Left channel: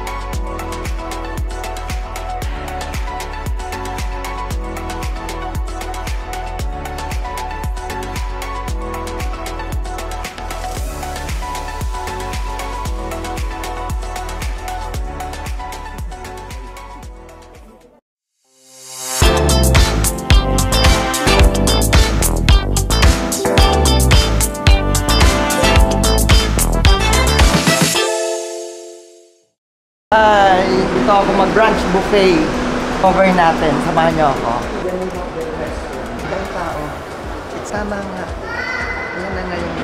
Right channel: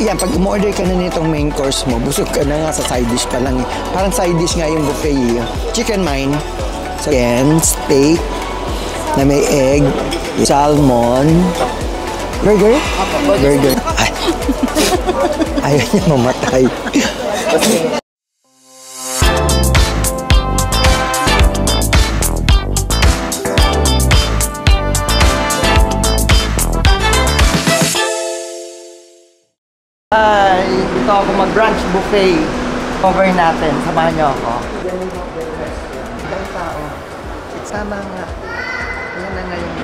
yan, pag umorder ka na nitong main course mo, busog ka na nga sa side dish pa lang. Parang side dish nga yung buffet. Chicken mine, so yan, steak na may egg, salmon, burger? Burger. Ay. Ayaw niya mamatay. Hi! Dito ako mag-brunch buffet. Cover natin. Samahan niyo ako. Ibang tao. Sama nga. Ayan na ngayon.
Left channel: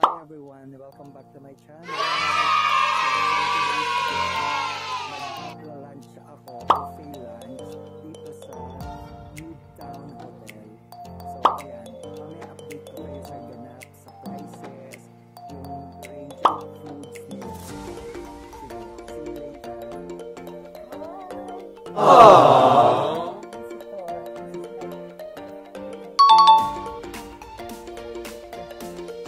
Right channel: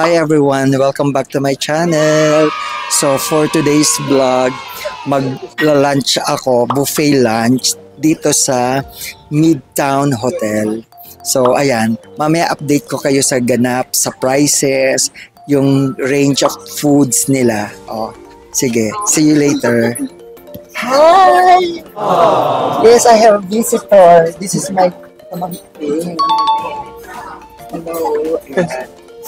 Hi everyone, welcome back to my channel. So for today's vlog, mag-lunch ako, buffet lunch dito sa Midtown Hotel. So ayan, mamaya update ko kayo sa ganap, sa prices, yung range of foods nila. Oh, sige, see you later. Hi! Aww. Yes, I have a visitor. This is my pamangkin. Hello.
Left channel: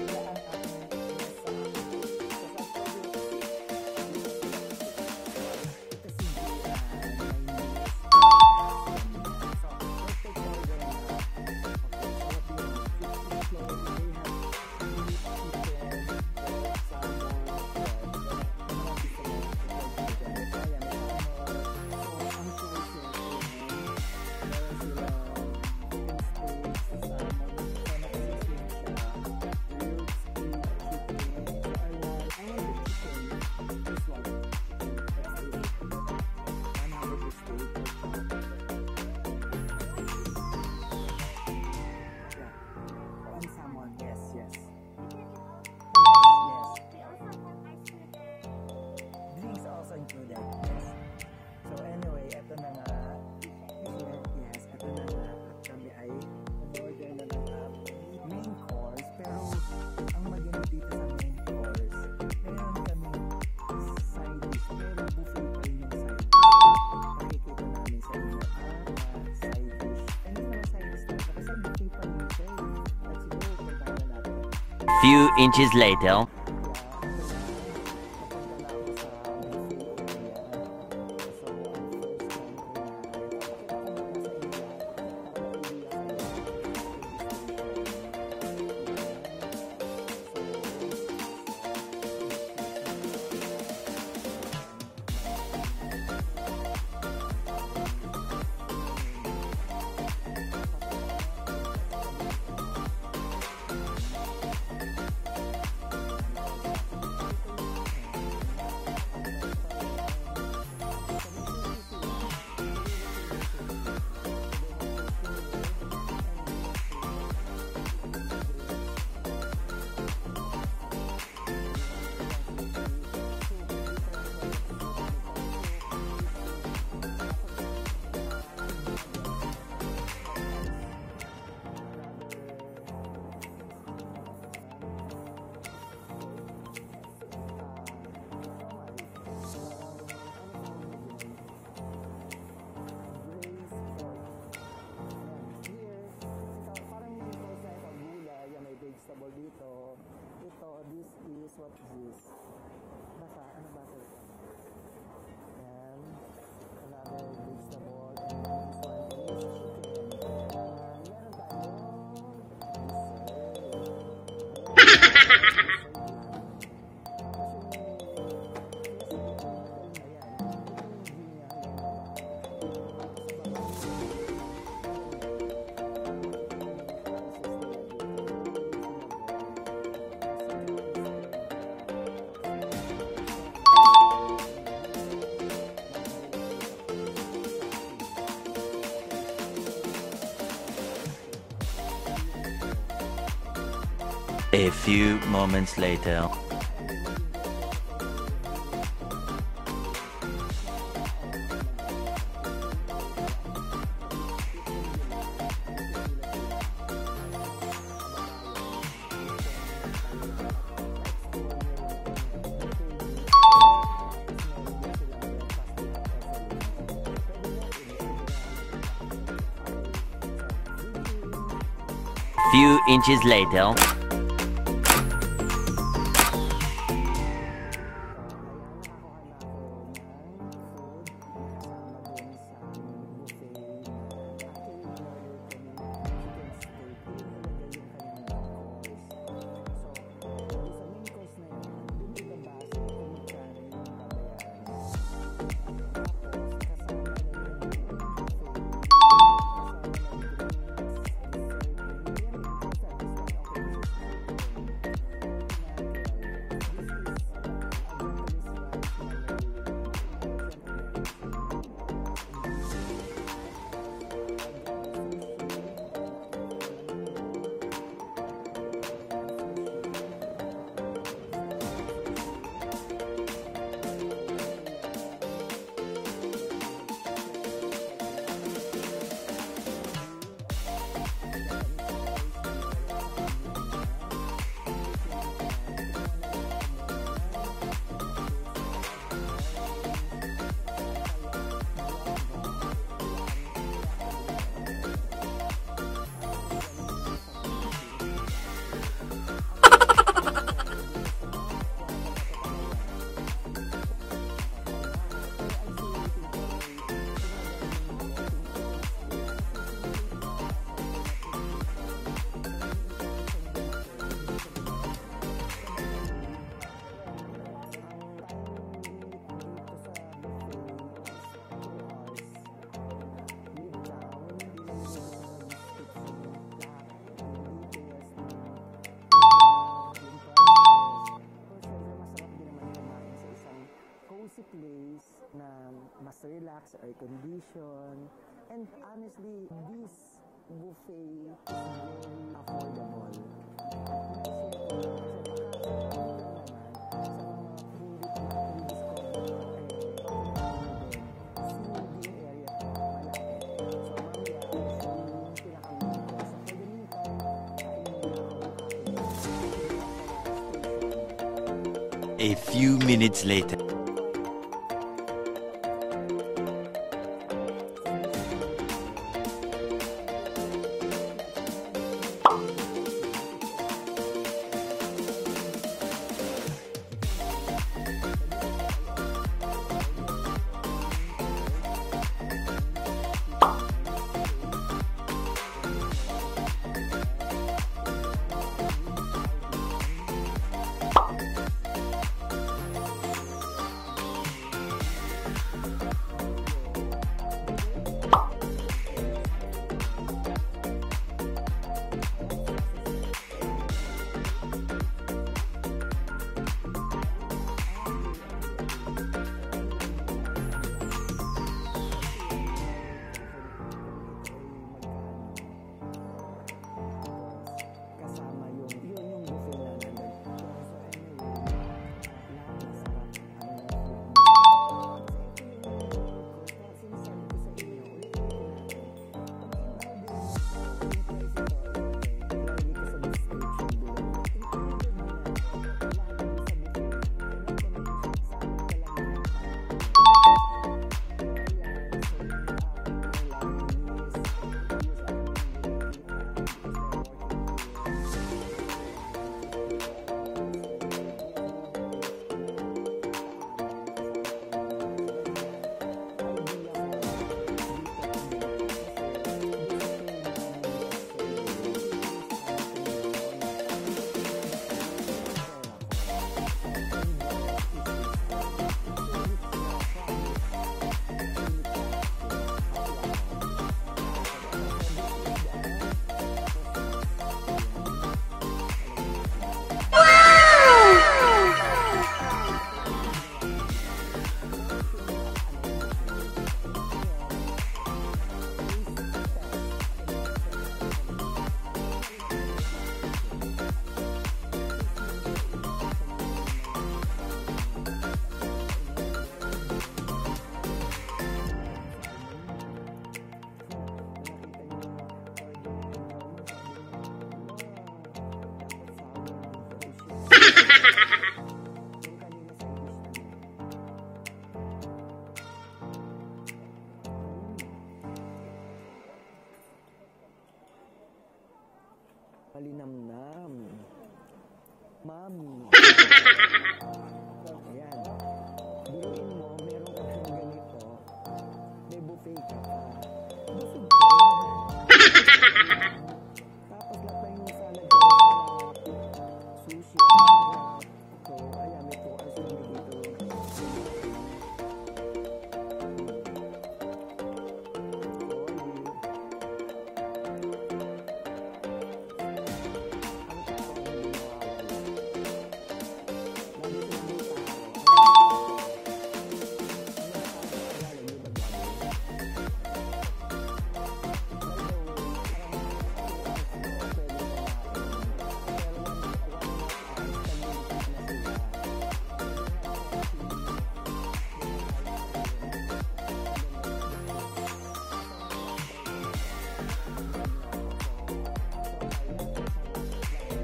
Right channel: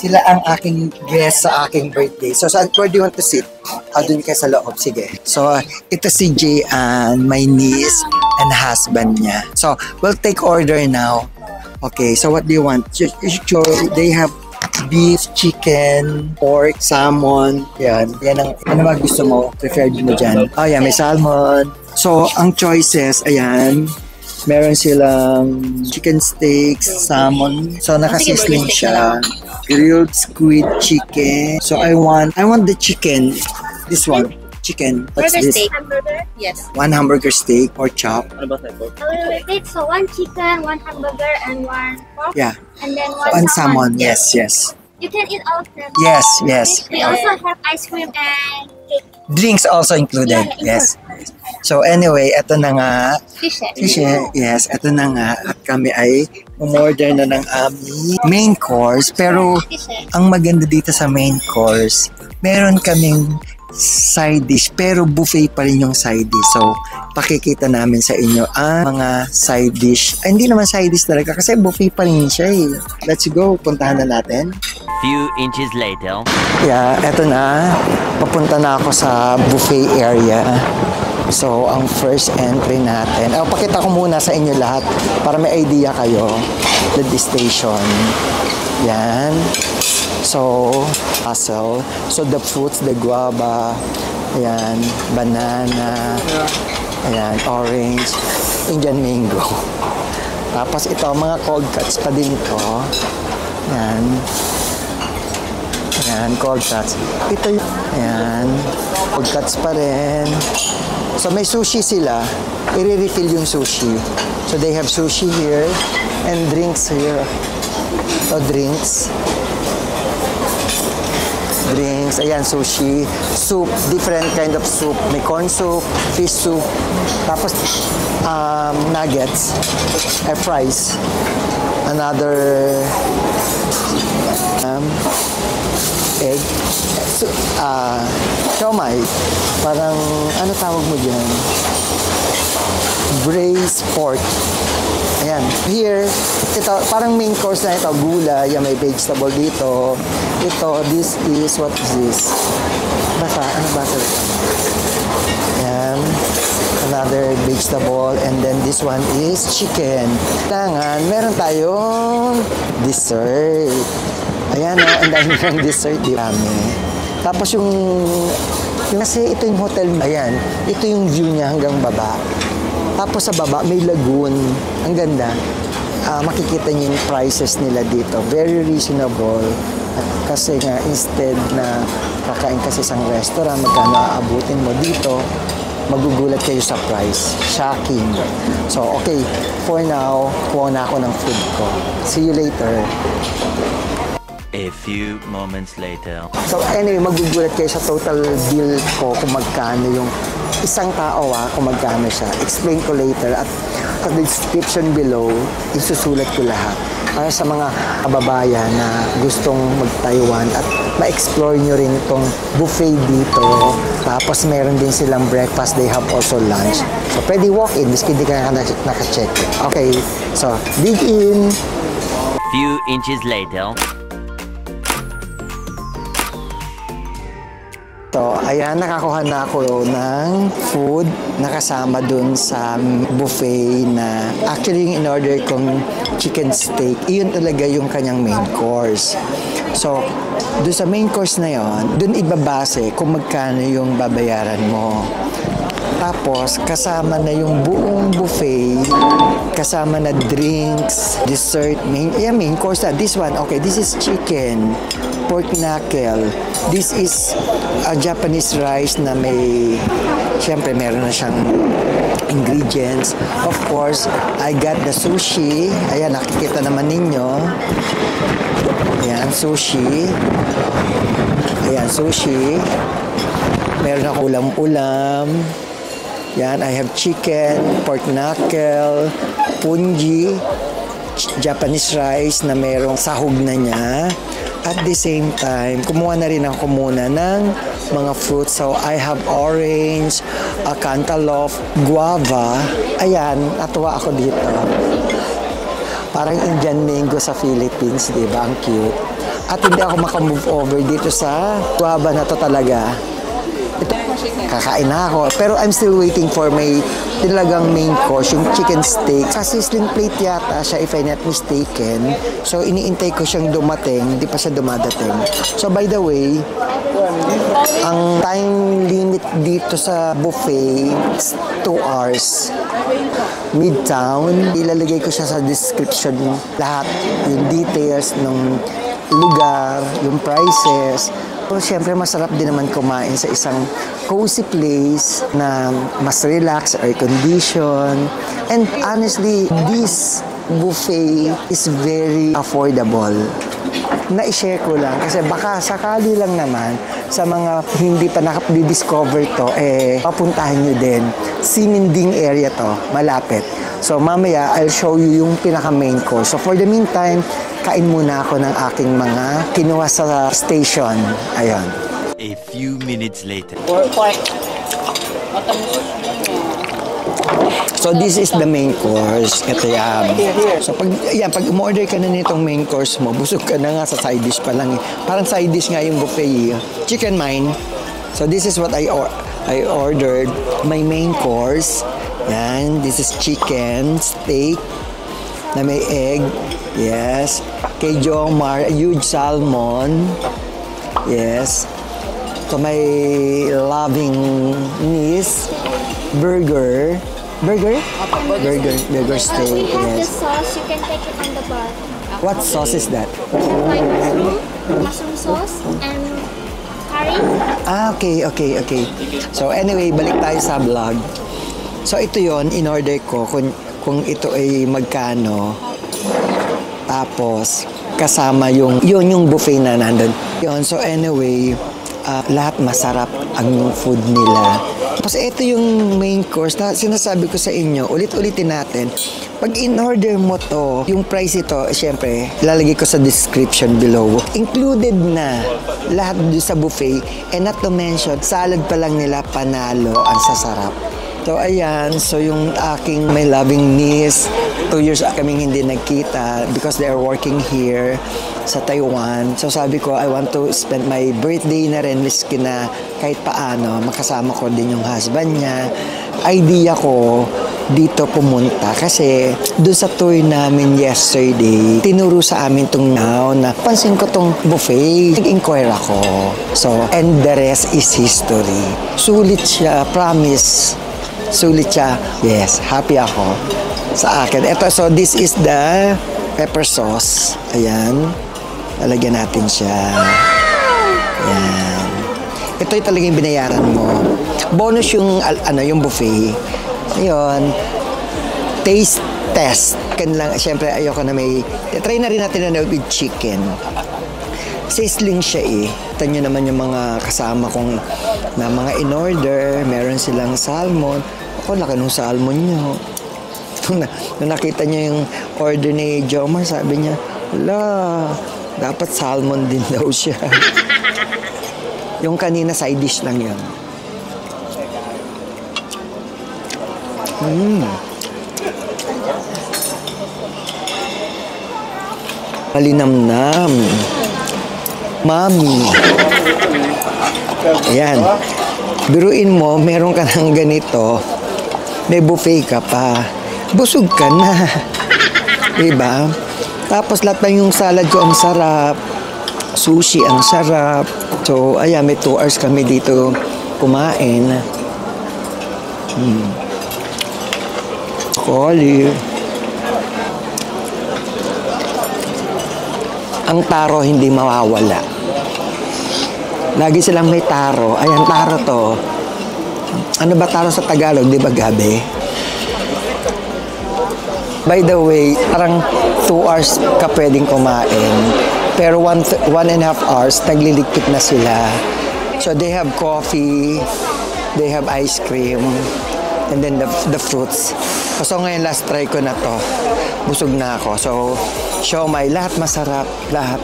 Sila ang aking guest sa aking birthday. So, where do you want to sit? Doon kayo sa loob. Sige. So, ito si Jayan, my niece and husband niya. So, we'll take order now. Okay, so what do you want? They have beef, chicken, pork, salmon. Yan. Yan ang ano mga gusto mo. Preferred mo dyan. Oh, yan. May salmon. So, ang choices, ayan. Meron silang chicken steaks, salmon. So, nakasisling siya. Grilled squid chicken. So, I want the chicken. This one. Chicken. What's this? Steak. Hamburger? Yes. One hamburger steak or chop. What about that? Wait, so one chicken, one hamburger, and one pork? Yeah. And then one salmon. Yes, yes. You can eat all of them. Yes, yes. We also have ice cream and cake. Drinks also included. Yeah, yes. So anyway, eto na nga. Fish. Yes, eto na nga. At kami ay umorder na ng aming main course. Pero ang maganda dito sa main course, meron kaming side dish pero buffet pa rin yung side dish. So pakikita namin sa inyo ang mga side dish. Ay, hindi naman side dish talaga kasi buffet pa rin siya eh. Let's go, puntahan na natin. Few inches later. Yeah, eto na. Papunta na ako sa buffet area. So, ang first entry natin. Pakita ko muna sa inyo lahat para may idea kayo. The station. Yan. So, puzzle. So, the fruits, the guava. Ayan. Banana. Ayan. Orange. Indian mango. Tapos ito, mga cold cuts pa din ito. Ayan. Ayan, cold cuts. Ito yung, ayan. Cold cuts pa rin. So may sushi sila, i-refill yung sushi. So they have sushi here and drinks here. So drinks. Drinks, ayan sushi. Soup, different kind of soup. May corn soup, fish soup. Tapos nuggets, fries. Another egg. Siomai. Parang, ano tawag mo dyan? Braised pork. Ayan. Here, ito, parang main course na ito. Gulay, may vegetable dito. Ito, this is, what is this? Basa, ano basa? Ayan. Another vegetable. And then this one is chicken. Kailangan, meron tayong dessert. Ayan, ang dami ng dessert. Dami. Tapos yung kasi ito yung hotel, ayan, ito yung view niya hanggang baba. Tapos sa baba may lagoon. Ang ganda. Makikita niyo yung prices nila dito. Very reasonable. Kasi nga, instead na kakain kasi sa restaurant, magkano aabutin mo dito, magugulat kayo sa price. Shocking. So, okay. For now, kuha na ako ng food ko. See you later. A few moments later. So anyway, magugulat kayo sa total bill ko kung magkano yung isang tao kung magkano siya. Explain ko later at sa description below, isusulat ko lahat. Para sa mga kababayan na gustong mag-Taiwan at ma-explore nyo rin itong buffet dito. Tapos meron din silang breakfast, they have also lunch. So pwede walk-in, miski hindi ka naka-check. Okay, so dig in. Few inches later. So, ayan, nakakuha na ako ng food na kasama dun sa buffet na actually yung in-order kong chicken steak, iyon talaga yung kanyang main course. So, dun sa main course na yon, dun ibabase kung magkano yung babayaran mo. Tapos, kasama na yung buong buffet, kasama na drinks, dessert, main course na. This one, okay, this is chicken, pork knuckle. This is a Japanese rice na may, syempre meron na siyang ingredients. Of course, I got the sushi. Ayan, nakikita naman ninyo. Ayan, sushi. Ayan, sushi. Meron ako ulam-ulam. Yan, I have chicken, pork knuckle, punji, Japanese rice na merong sahog na niya. At the same time, kumuha na rin ako muna ng mga fruits. So, I have orange, cantaloupe, guava. Ayan, natuwa ako dito. Parang Indian mango sa Philippines, di ba? Ang cute. At hindi ako makamove over dito sa guava na to talaga. Ito, kakain na ako. Pero I'm still waiting for my talagang main course, yung chicken steak. Sa sizzling plate yata siya, if I'm not mistaken. So, iniintay ko siyang dumating. Hindi pa siya dumadating. So, by the way, ang time limit dito sa buffet is 2 hours. Midtown. Ilalagay ko siya sa description lahat. Yung details ng lugar, yung prices. So, siyempre, masarap din naman kumain sa isang cozy place na mas relax, air condition. And honestly, this buffet is very affordable. Na-share ko lang kasi baka sakali lang naman sa mga hindi pa nakapdi-discover to, papuntahan nyo din. Sininding area to, malapit. So mamaya, I'll show you yung pinaka-main course. So for the meantime, kain muna ako ng aking mga kinuha sa station. Ayan. A few minutes later. So this is the main course. Ito yan. So pag umorder ka na nitong main course mo, busog ka na nga sa side dish pa lang. Parang side dish nga yung buffet. Chicken mine. So this is what I ordered. My main course. Yan. This is chicken, steak, na may egg. Yes. Kay Jomar, huge salmon. Yes. So may loving niece. Burger steak, We have the yes. sauce. You can take it on the bar. What sauce is that? Like mushroom sauce and curry. Okay. So anyway, balik tayo sa vlog. So ito yon in-order ko kung ito ay magkano. Tapos kasama yung buffet na nandun. Yun, so anyway, lahat masarap ang food nila. Tapos ito yung main course na sinasabi ko sa inyo, ulit-ulitin natin. Pag in-order mo to, yung price ito, syempre, lalagay ko sa description below. Included na lahat doon sa buffet. And not to mention, salad pa lang nila, panalo, ang sasarap. So ayan, so yung aking my loving niece, 2 years kaming hindi nagkita because they are working here sa Taiwan. So sabi ko, I want to spend my birthday na rin, miski na kahit paano, makasama ko din yung husband niya. Idea ko dito pumunta kasi doon sa tour namin yesterday, tinuro sa amin tong now na pansin ko tong buffet. Nag-inquire ako. So, and the rest is history. Sulit siya, promise. Sulit siya. Yes, happy ako sa akin. Ito, so this is the pepper sauce. Ayan. Lalagyan natin siya. Ayan. Ito yung talagang binayaran mo. Bonus yung, yung buffet. Ayun. Taste test. Siyempre, ayoko na may... Try na rin natin na with chicken. Sizzling siya eh. Ito nyo naman yung mga kasama kong na mga in-order. Meron silang salmon. Ako, laki nung salmon nyo. Nung nakita nyo yung order ni Jomar, sabi niya, wala, dapat salmon din daw siya. Yung kanina side dish lang yan. Malinamnam. Mami. Ayan. Biruin mo, meron ka ng ganito. May buffet ka pa. Busog ka na. Diba? Tapos lahat pa yung salad ko ang sarap. Sushi ang sarap. So, ayan, may 2 hours kami dito kumain. Olive. Ang taro hindi mawawala. Lagi silang may taro. Ayan, taro to. Ano ba taro sa Tagalog? Di ba gabi? By the way, parang 2 hours ka pwedeng kumain. Pero 1.5 hours, nagliligpit na sila. So they have coffee, they have ice cream, and then the fruits. So ngayon last try ko na to. Busog na ako. So siomai, lahat masarap. Lahat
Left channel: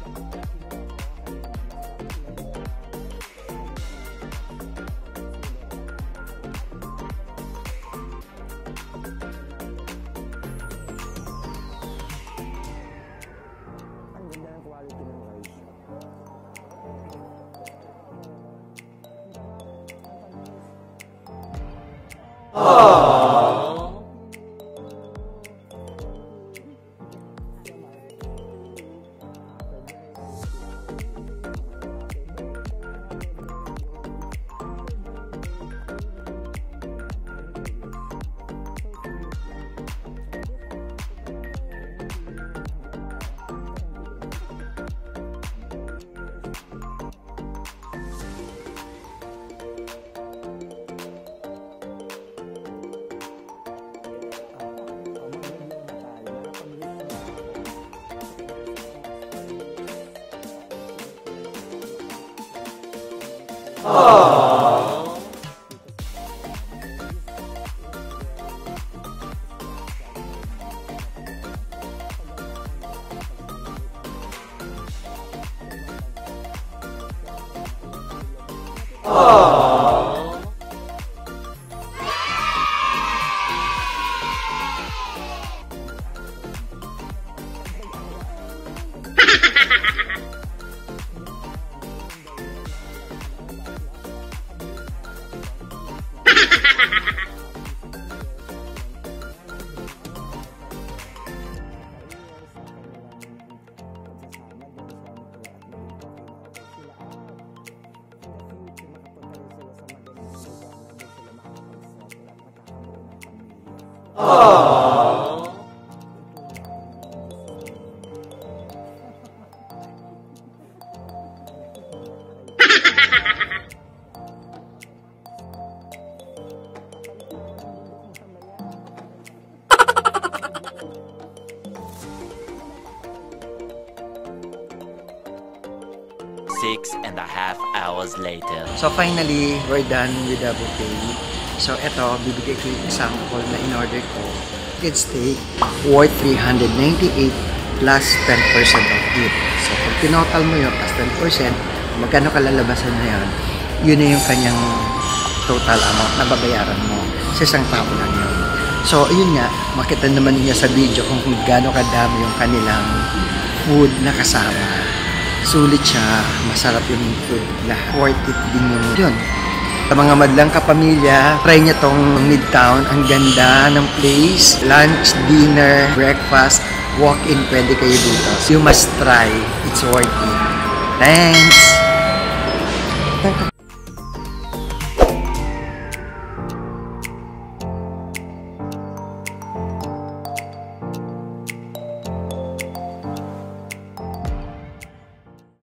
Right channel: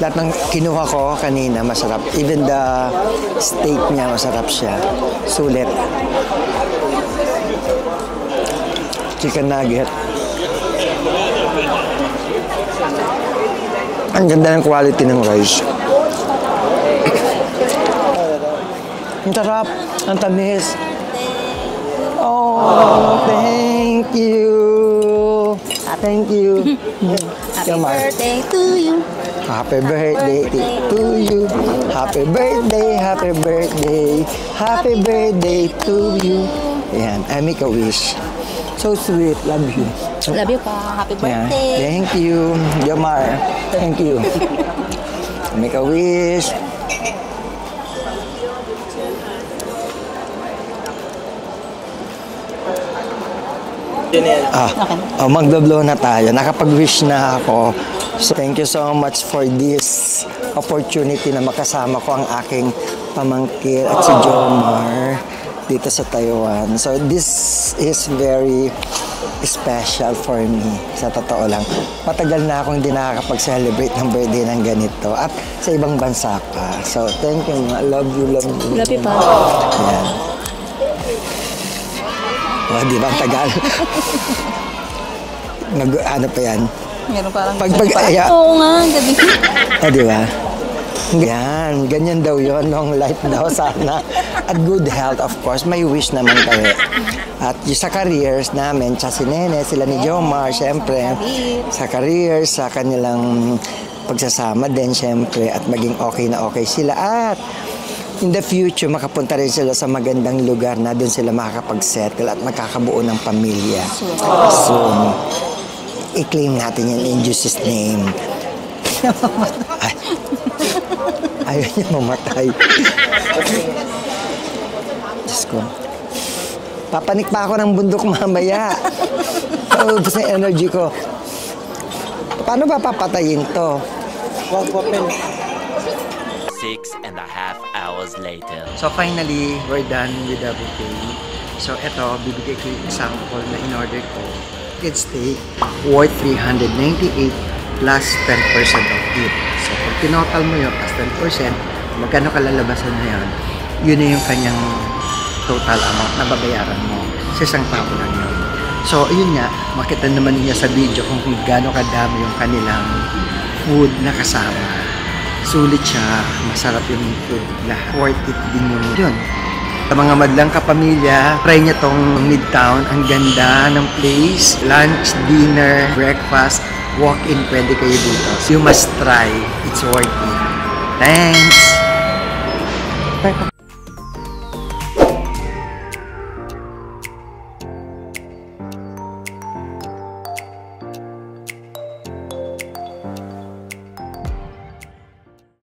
ng kinuha ko kanina masarap. Even the steak niya masarap siya. Sulit. Chicken nugget. Ang ganda ng quality ng rice. Ang sarap. Ang tamis. Oh, thank you. Thank you. Happy birthday to you. Happy birthday to you. Happy birthday, happy birthday. Happy birthday to you. Ayan, I make a wish. So sweet. Love you. Love you pa. Happy Ayan. birthday. Thank you, Jomar. Thank you. Make a wish. Magdoblo na tayo. Nakapag-wish na ako. So, thank you so much for this opportunity na makasama ko ang aking pamangkin at si Jomar dito sa Taiwan. So, this is very special for me. Sa totoo lang. Matagal na akong hindi nakakapag-celebrate ng birthday ng ganito. At sa ibang bansa pa. So, thank you. Love you, love you. Love you pa. Oh, di ba? Tagal. Ano pa yan? Meron parang Oo nga, gabi. Di ba? Yan, ganyan daw yon, long life daw sana. At good health, of course. May wish naman kayo. At yung sa careers namin, si Nene, sila ni Jomar, syempre. Sa careers, sa kanilang pagsasama din, syempre. At maging okay na okay sila. At in the future, makapunta rin sila sa magandang lugar na doon sila makakapag-settle at makakabuo ng pamilya. So, i-claim natin yan in Jesus' name. Ayaw niya mamatay. Diyos ko. Papanik pa ako ng bundok mamaya. Ubus na energy ko. Paano ba papatayin to? 6.5 hours later. So finally, we're done with the buffet. So eto, bibigay ko yung example na in-order ko. It's steak worth 398 plus 10% of it. So pag tinotal mo yun plus 10%, magkano kalalabasan na yun? Yun na yung kanyang total amount na babayaran mo. Sa isang tao lang yun. So yun nga, makita naman niya sa video kung gaano kadami yung kanilang food na kasama. Sulit siya, masarap yung food. Worth it din yun. Sa mga madlang kapamilya, try niya tong Midtown. Ang ganda ng place. Lunch, dinner, breakfast, walk-in, pwede kayo dito. You must try. It's worth it. Thanks!